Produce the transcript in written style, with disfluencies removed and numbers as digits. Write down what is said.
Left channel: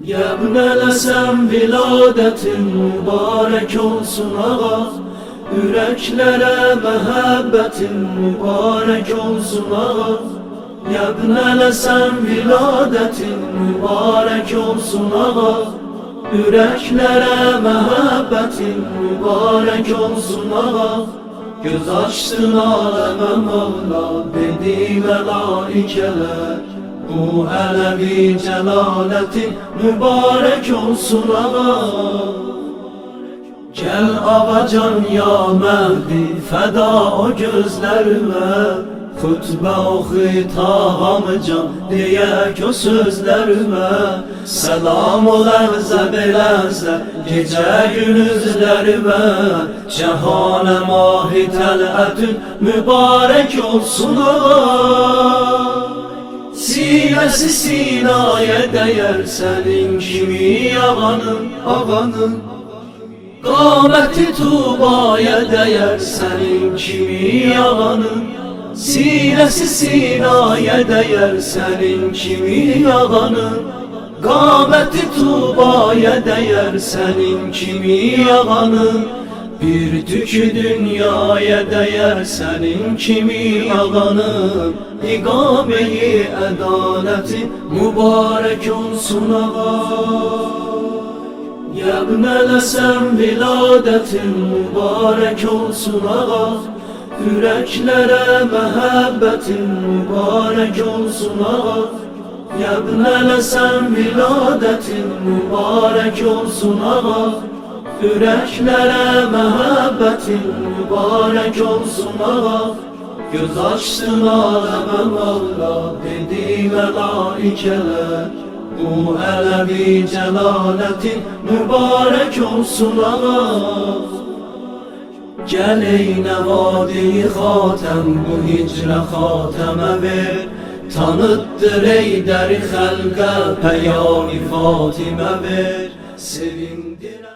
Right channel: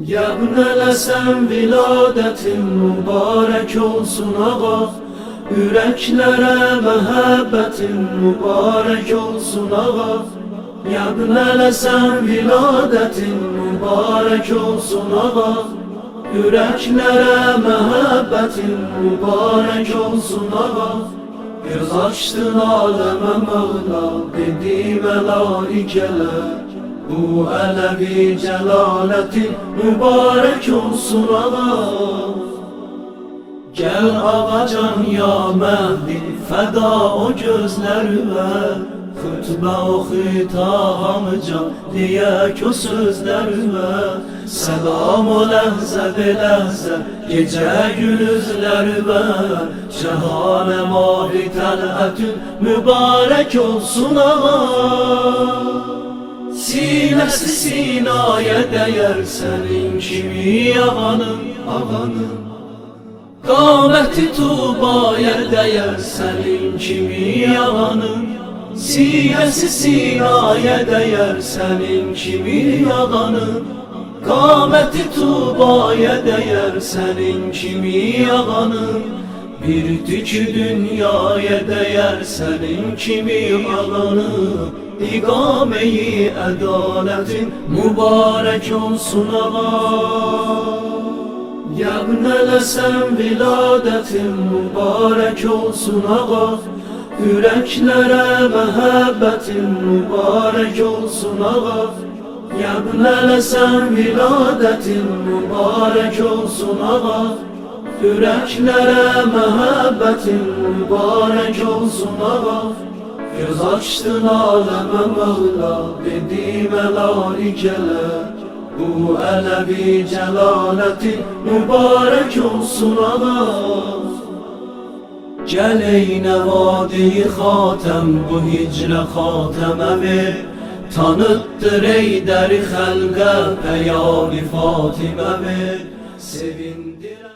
Yebnelesen viladetin mübarek olsun ağa. Yüreklere muhabbetin mübarek olsun ağa. Yebnelesen viladetin mübarek olsun ağa. Yüreklere muhabbetin mübarek olsun ağa. Göz açtın aleme Mevla, dedi melaikeler, bu Alevi celaletin mübarek olsun ağa. Gel avacan ya Mehdi, feda o gözlerime, hutbe oku tahamca diyek o sözlerime. Selam ol enze bileze gece gündüzlerime, cehane mahi tel'atün mübarek olsun ağa. Sinesi sinaya değer senin kimi ağanın, Qameti Tuba'ya değer senin kimi ağanın. Sinesi sinaya değer senin kimi ağanın. Qameti Tuba'ya değer senin kimi ağanın. Bir tükü dünyaya değer senin kimi ağanın. İkame-i adaletin mübarek olsun ağa. Yebnelesen viladetin mübarek olsun ağa. Yüreklere muhabbetin mübarek olsun ağa. Yebnelesen viladetin mübarek olsun ağa. Yüreklere muhabbetin mübarek olsun ağa. Göz açtın aleme Mevla, dedi melaikeler, bu Alevi celaletin mübarek olsun ağa. Gel ey nevadi hatem, bu hicre hateme ver, tanıttır ey deri halka peyami Fatime ver, sevindir.